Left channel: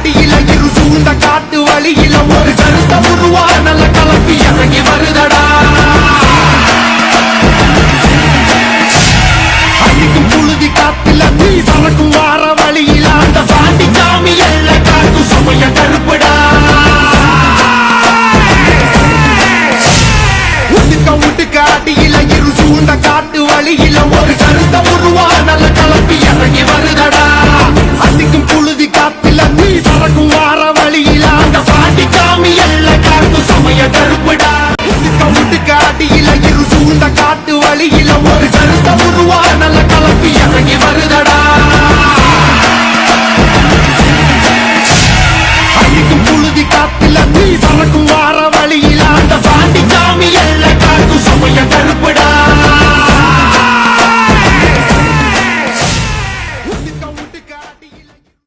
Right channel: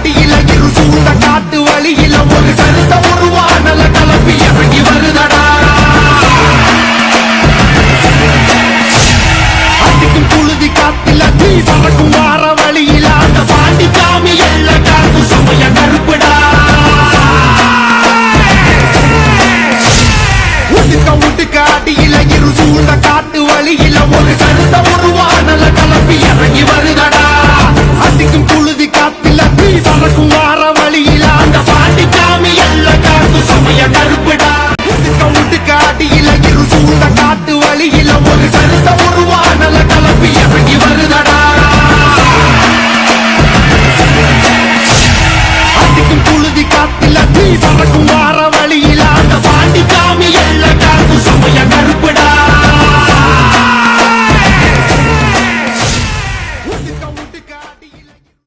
அடியில இரு சூழ்ந்த காட்டு வழியில ஒரு கருத்த உருவானல கலப்பி இறங்கி வருதடா. அடிக்கும் புழுதி காத்தில தீ பறக்கும் வார வழியில அந்த பாண்டி சாமி எல்ல காத்து சமய கருப்புடா. உடுக்க உடுக்க அடியில இரு சூழ்ந்த காட்டு வழியில ஒரு கருத்த உருவானல கலப்பி இறங்கி வருதடா. அடிக்கும் புழுதி காத்தில வார வழியில அந்த பாட்டி சாமி எல்ல காத்து சமய கருப்புடா. உடுக்க உடுக்க அடியில இரு சூழ்ந்த காட்டு வழியில ஒரு கருத்த உருவானல கலப்பி இறங்கி வருதடா. அடிக்கும் புழுதி காத்தில தீ பறக்கும் வார வழியில அந்த பாண்டி சாமி எல்ல காத்து சமய கருப்புடா. உடுக்க உடுக்க